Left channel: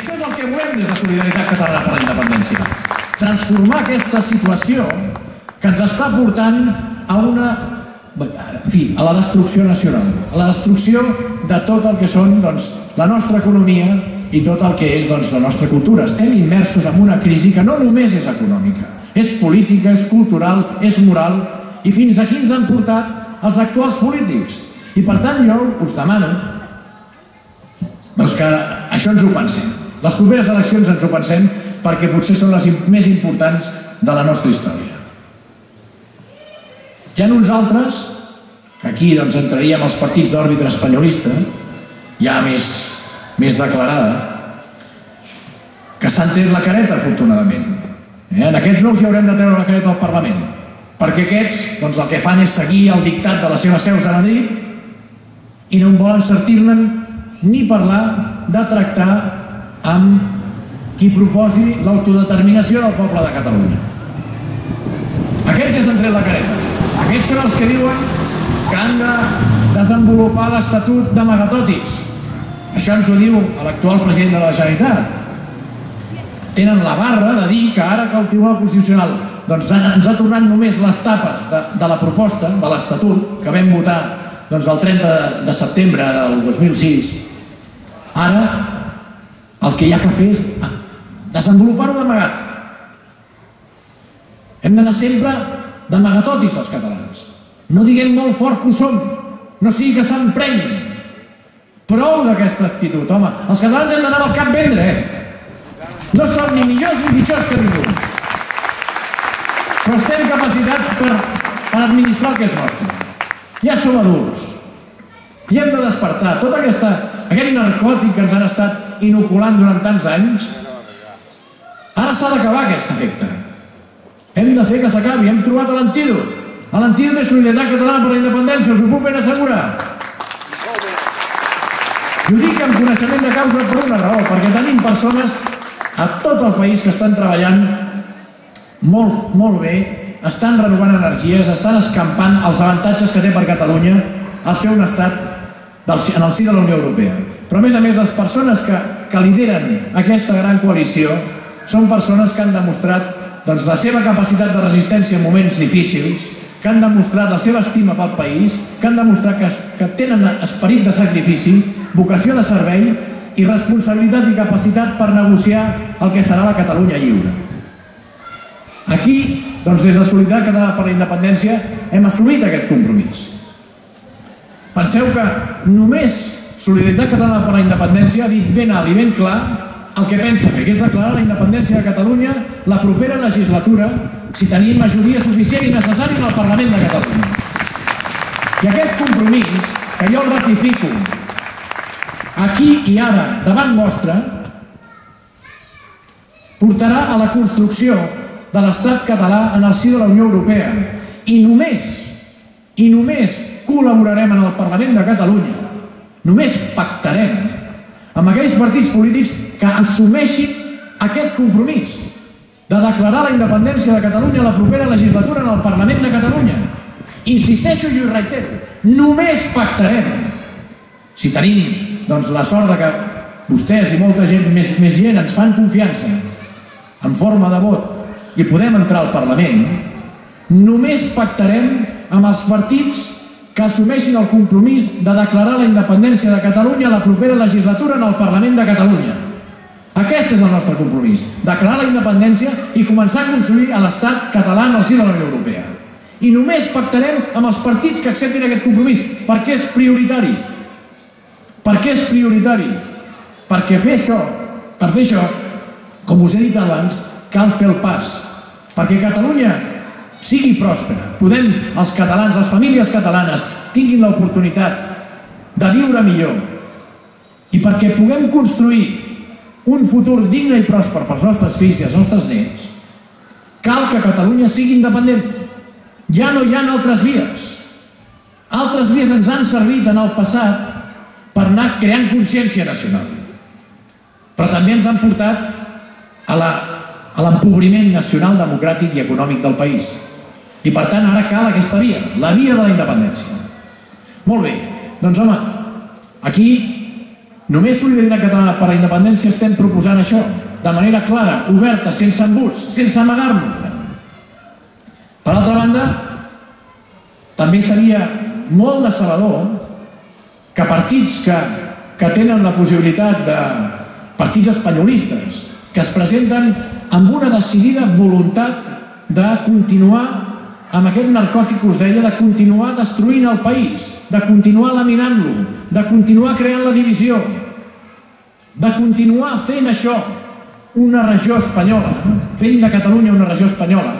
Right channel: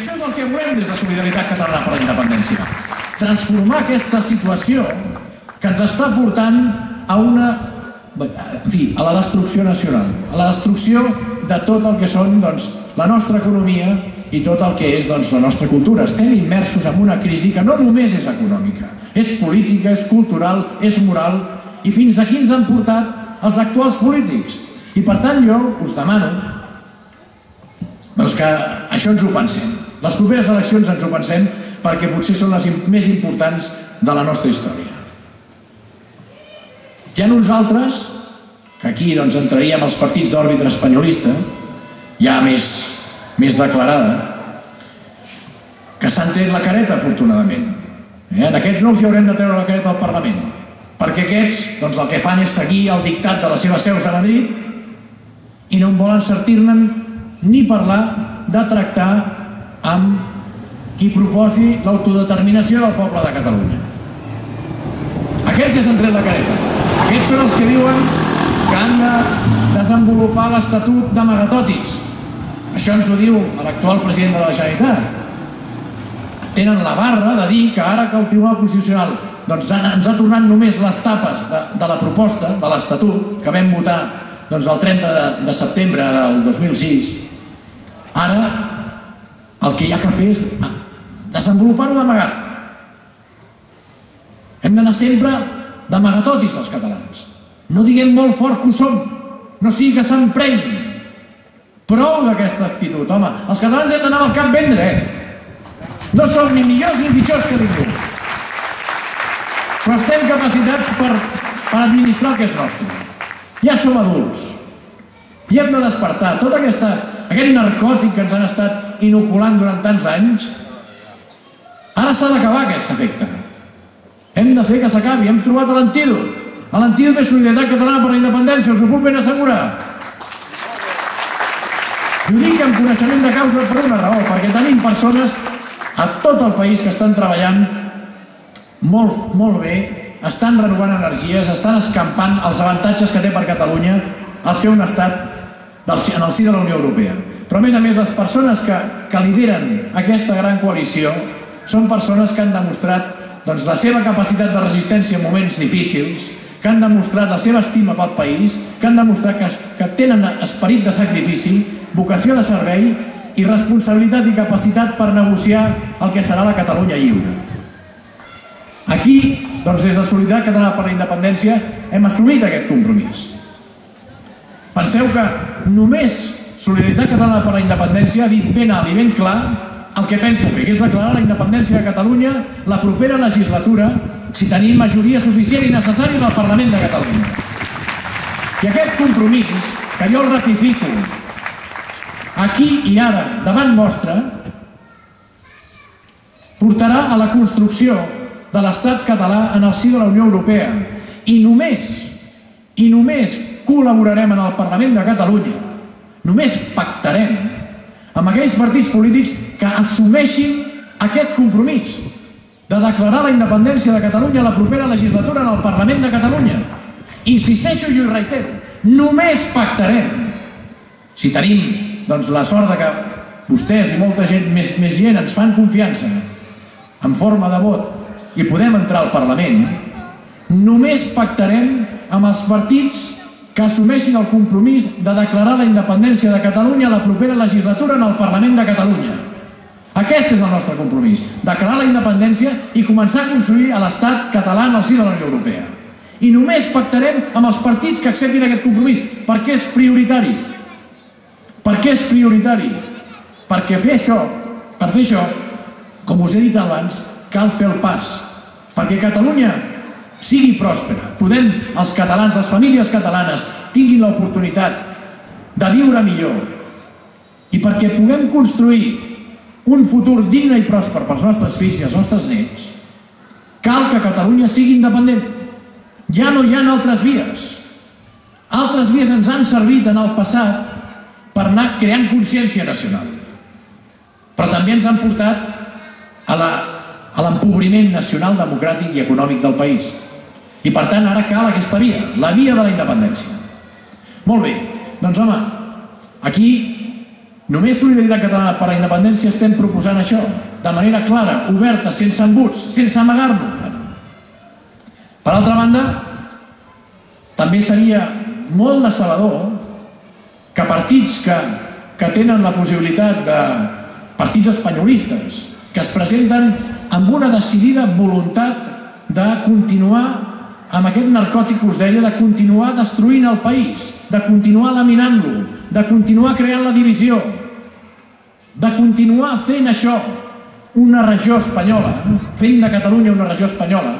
això és el que volem des de Solidaritat Catalana per la Independència. Transformar aquesta situació que ens està portant a a la destrucció nacional, a la destrucció de tot el que són la nostra economia i tot el que és la nostra cultura. Estem immersos en una crisi que no només és econòmica, és política, és cultural, és moral, i fins aquí ens han portat els actuals polítics. I per tant jo us demano que això ens ho pensem. Les properes eleccions ens ho pensem perquè potser són les més importants de la nostra història. Hi ha uns altres, que aquí entraríem als partits d'òrbita espanyolista, ja més declarada, que s'han tret la careta, afortunadament. En aquests no els hi haurem de treure la careta al Parlament, perquè aquests el que fan és seguir el dictat de les seves seus a Madrid i no en volen sentir-ne ni parlar de tractar amb qui proposi l'autodeterminació del poble de Catalunya. Aquests ja s'han tret la careta. Aquests són els que diuen que han de desenvolupar l'Estatut d'amagatotis. Això ens ho diu l'actual president de la Generalitat. Tenen la barra de dir que ara que el Tribunal Constitucional ens ha tornat només les tapes de la proposta de l'Estatut que vam votar el 30 de setembre del 2006, ara el que hi ha que fer és desenvolupar-ho d'amagat. Hem d'anar sempre d'amagatotis els catalans. No diguem molt fort que ho som, no sigui que s'emprenyin. Prou d'aquesta actitud, home. Els catalans hem d'anar amb el cap ben dret. No som ni millors ni pitjors que ningú. Però estem capacitats per administrar el que és nostre. Ja som adults. I hem de despertar. Tot aquest narcòtic que ens han estat inoculant durant tants anys, ara s'ha d'acabar aquest efecte. Hem de fer que s'acabi. Hem trobat l'antídot. L'antídot de Solidaritat Catalana per la Independència. Us ho puc ben assegurar. I ho dic amb coneixement de causa per una raó, perquè tenim persones a tot el país que estan treballant molt bé, estan renovant energies, estan escampant els avantatges que té per Catalunya el seu estat en el si de la Unió Europea. Però a més, les persones que lideren aquesta gran coalició són persones que han demostrat la seva capacitat de resistència en moments difícils, que han demostrat la seva estima pel país, que han demostrat que tenen esperit de sacrifici, vocació de servei i responsabilitat i capacitat per negociar el que serà la Catalunya lliure. Aquí, des de Solidaritat Catalana per la Independència, hem assumit aquest compromís. Penseu que només Solidaritat Catalana per la Independència ha dit ben alt i ben clar el que pensa fer, que és declarar la independència de Catalunya la propera legislatura si tenim majoria suficient i necessària en el Parlament de Catalunya. I aquest compromís, que jo el ratifico aquí i ara, davant vostre, portarà a la construcció de l'Estat català en el si de la Unió Europea. I només col·laborarem en el Parlament de Catalunya, només pactarem amb aquells partits polítics que assumeixin aquest compromís de declarar la independència de Catalunya a la propera legislatura en el Parlament de Catalunya. Insisteixo i ho reitero, només pactarem si tenim la sort que vostès i molta gent, més gent, ens fan confiança en forma de vot i podem entrar al Parlament. Només pactarem amb els partits que assumeixin el compromís de declarar la independència de Catalunya a la propera legislatura en el Parlament de Catalunya. Aquest és el nostre compromís, declarar la independència i començar a construir l'Estat català en el si de la Unió Europea. I només pactarem amb els partits que acceptin aquest compromís, perquè és prioritari. Per què és prioritari? Perquè per fer això, com us he dit abans, cal fer el pas. Perquè Catalunya sigui pròspera, els catalans, les famílies catalanes, tinguin l'oportunitat de viure millor. I perquè puguem construir un futur digne i pròsper pels nostres fills i els nostres nets, cal que Catalunya sigui independent. Ja no hi ha altres vies. Altres vies ens han servit en el passat per anar creant consciència nacional. Però també ens han portat a l'empobriment nacional, democràtic i econòmic del país. I per tant ara cal aquesta via, la via de la independència. Molt bé, doncs home, aquí Només Solidaritat Catalana per la Independència estem proposant això, de manera clara, oberta, sense embuts, sense amagar-nos. Per altra banda, també seria molt decebedor que partits que tenen la possibilitat de partits espanyolistes, que es presenten amb una decidida voluntat de continuar amb aquest narcòtic que us deia, de continuar destruint el país, de continuar laminant-lo, de continuar creant la divisió, de continuar fent això una regió espanyola, fent de Catalunya una regió espanyola.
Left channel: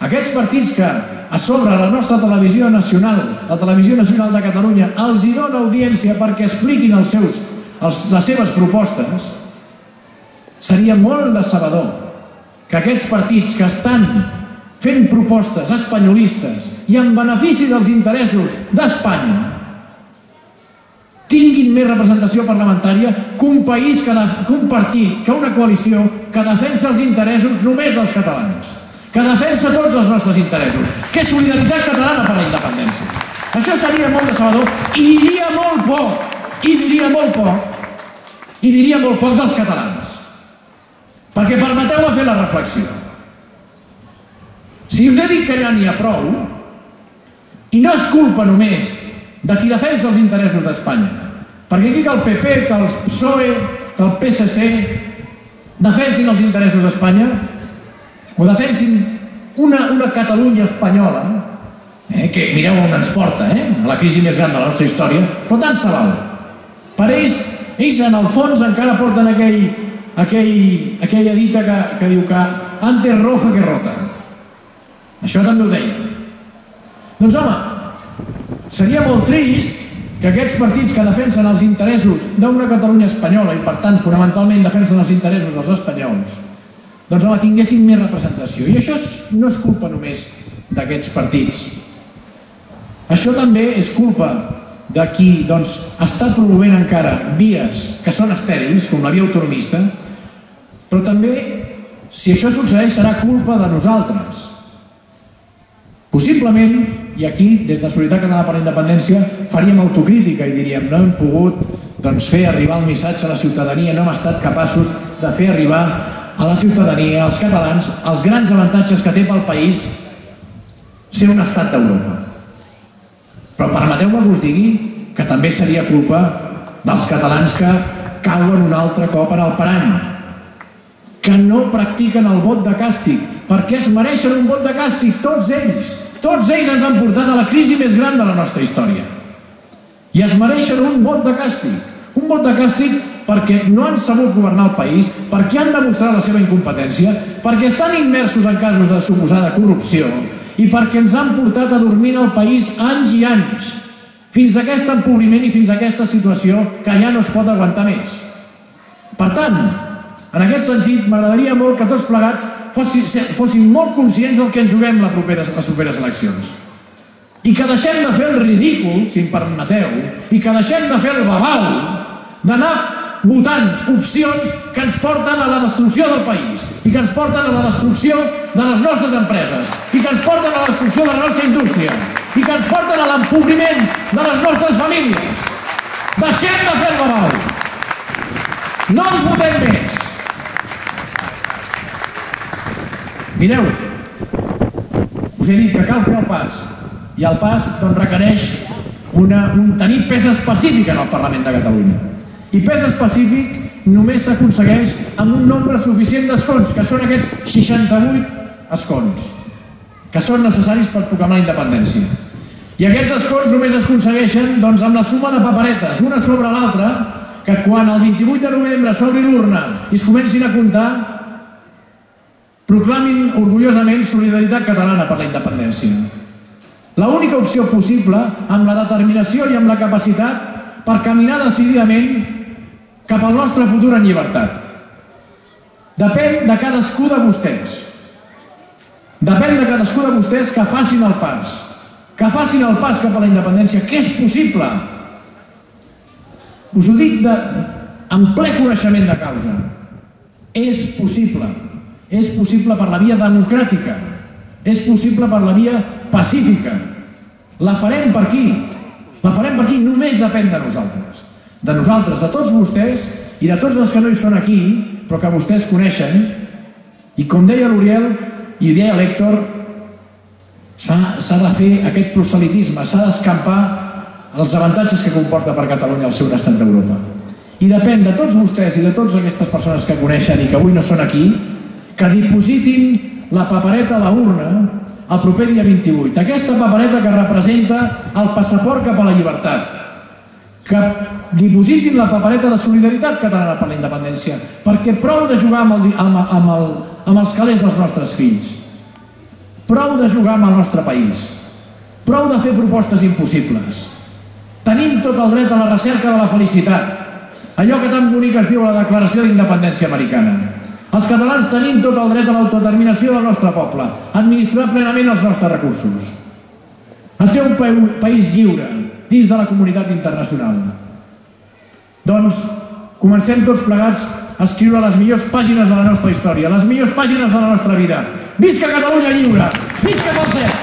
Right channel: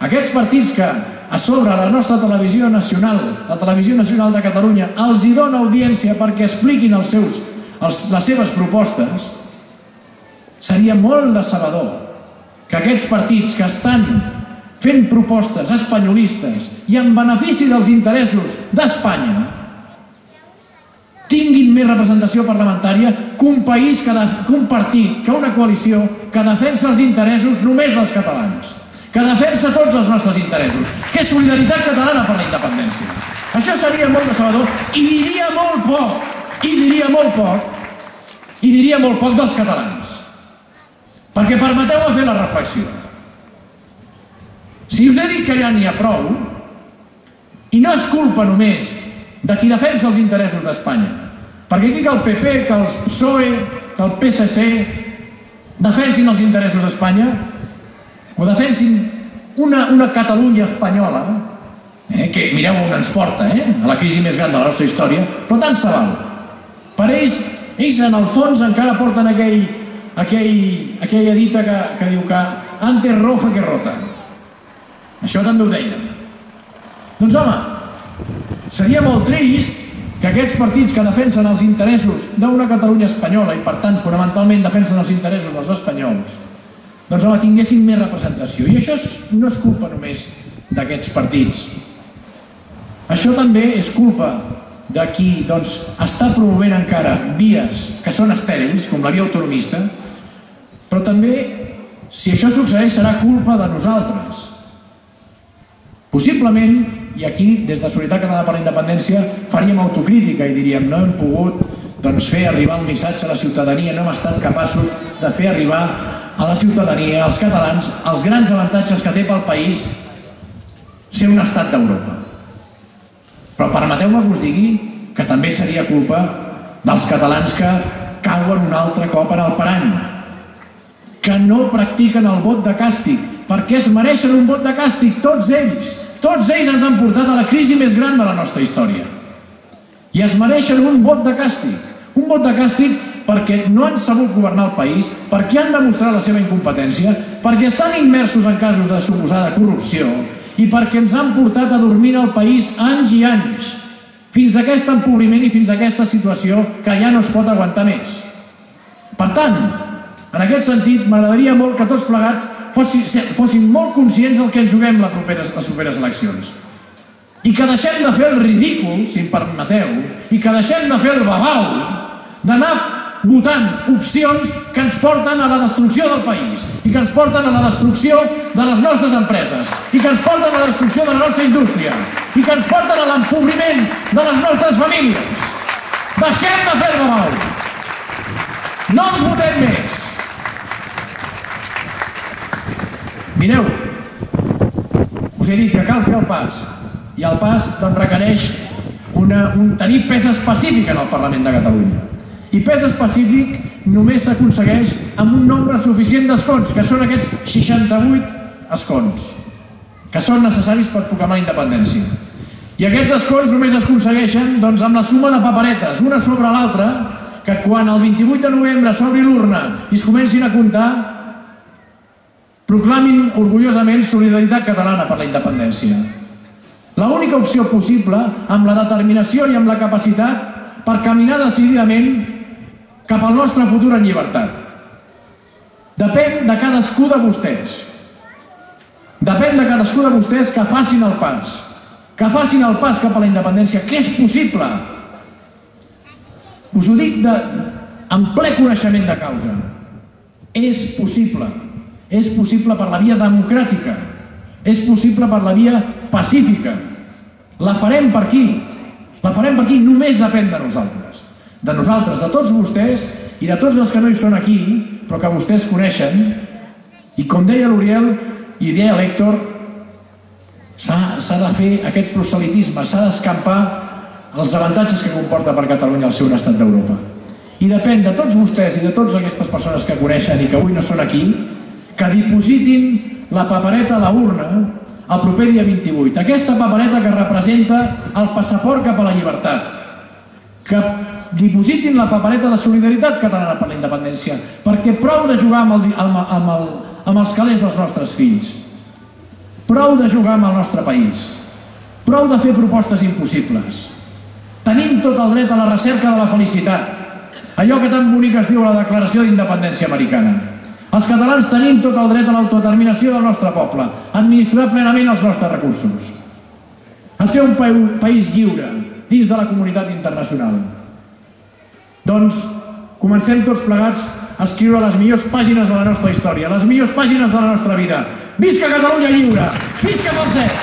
Aquests partits que a sobre la nostra televisió nacional, la Televisió Nacional de Catalunya, els hi dona audiència perquè expliquin les seves propostes, seria molt decebedor que aquests partits que estan fent propostes espanyolistes i en benefici dels interessos d'Espanya tinguin més representació parlamentària que un país, que un partit, que una coalició que defensa els interessos només dels catalans, que defensa tots els nostres interessos, que és Solidaritat Catalana per la Independència. Això seria molt decebedor i diria molt poc dels catalans. Perquè permeteu-me fer la reflexió. Si us he dit que ja n'hi ha prou, i no és culpa només de qui defensa els interessos d'Espanya, perquè aquí que el PP, que el PSOE, que el PSC defensin els interessos d'Espanya, o defensin una Catalunya espanyola, que mireu on ens porta, a la crisi més gran de la nostra història, però tant se val. Per ells en el fons encara porten aquella dita que diu que antes roja que rota. Això també ho deien. Doncs home, seria molt trist que aquests partits que defensen els interessos d'una Catalunya espanyola i per tant fonamentalment defensen els interessos dels espanyols, doncs home, tinguessin més representació. I això no és culpa només d'aquests partits. Això també és culpa de qui està promovent encara vies que són estèrils, com la via autonomista, però també, si això succeeix, serà culpa de nosaltres. Possiblement, i aquí, des de Solidaritat Catalana per la Independència, faríem autocrítica i diríem no hem pogut fer arribar el missatge a la ciutadania, no hem estat capaços de fer arribar a la ciutadania, als catalans, els grans avantatges que té pel país ser un estat d'Europa. Però permeteu-me que us digui que també seria culpa dels catalans que cauen un altre cop en el parany, que no practiquen el vot de càstig, perquè es mereixen un vot de càstig, tots ells. Tots ells ens han portat a la crisi més gran de la nostra història. I es mereixen un vot de càstig. Un vot de càstig perquè no han sabut governar el país, perquè han demostrat la seva incompetència, perquè estan immersos en casos de suposada corrupció i perquè ens han portat a dormir el país anys i anys, fins a aquest empobriment i fins a aquesta situació que ja no es pot aguantar més. Per tant, en aquest sentit, m'agradaria molt que tots plegats fossin molt conscients del que ens juguem les properes eleccions. I que deixem de fer el ridícul, si em permeteu, i que deixem de fer el babau d'anar votant opcions que ens porten a la destrucció del país, i que ens porten a la destrucció de les nostres empreses, i que ens porten a la destrucció de la nostra indústria, i que ens porten a l'empobriment de les nostres famílies. Deixem de fer el babau. No ens votem més. Mireu, us he dit que cal fer el pas, i el pas requereix tenir pes específic en el Parlament de Catalunya. I pes específic només s'aconsegueix amb un nombre suficient d'escons, que són aquests 68 escons, que són necessaris per proclamar la independència. I aquests escons només es aconsegueixen amb la suma de paperetes, una sobre l'altra, que quan el 28 de novembre s'obri l'urna i es comencin a comptar, proclamin orgullosament Solidaritat Catalana per la Independència. L'única opció possible, amb la determinació i amb la capacitat per caminar decididament cap al nostre futur en llibertat. Depèn de cadascú de vostès. Depèn de cadascú de vostès que facin el pas. Que facin el pas cap a la independència, que és possible. Us ho dic amb ple coneixement de causa. És possible. És possible per la via democràtica. És possible per la via pacífica. La farem per aquí. La farem per aquí, només depèn de nosaltres. de nosaltres, de tots vostès i de tots els que no hi són aquí, però que vostès coneixen. I com deia l'Uriel i deia l'Héctor, s'ha de fer aquest proselitisme, s'ha d'escampar els avantatges que comporta per Catalunya el ser un estat d'Europa. I depèn de tots vostès i de totes aquestes persones que coneixen i que avui no són aquí, que dipositin la papereta a la urna el proper dia 28. Aquesta papereta que representa el passaport cap a la llibertat. Que dipositin la papereta de solidaritat catalana per la independència, perquè prou de jugar amb els calés dels nostres fills. Prou de jugar amb el nostre país. Prou de fer propostes impossibles. Tenim tot el dret a la recerca de la felicitat. Allò que tan bonic es diu a la Declaració d'Independència Americana. Els catalans tenim tot el dret a l'autodeterminació del nostre poble, a administrar plenament els nostres recursos, a ser un país lliure dins de la comunitat internacional. Doncs comencem tots plegats a escriure les millors pàgines de la nostra història, les millors pàgines de la nostra vida. Visca Catalunya lliure! Visca Falset!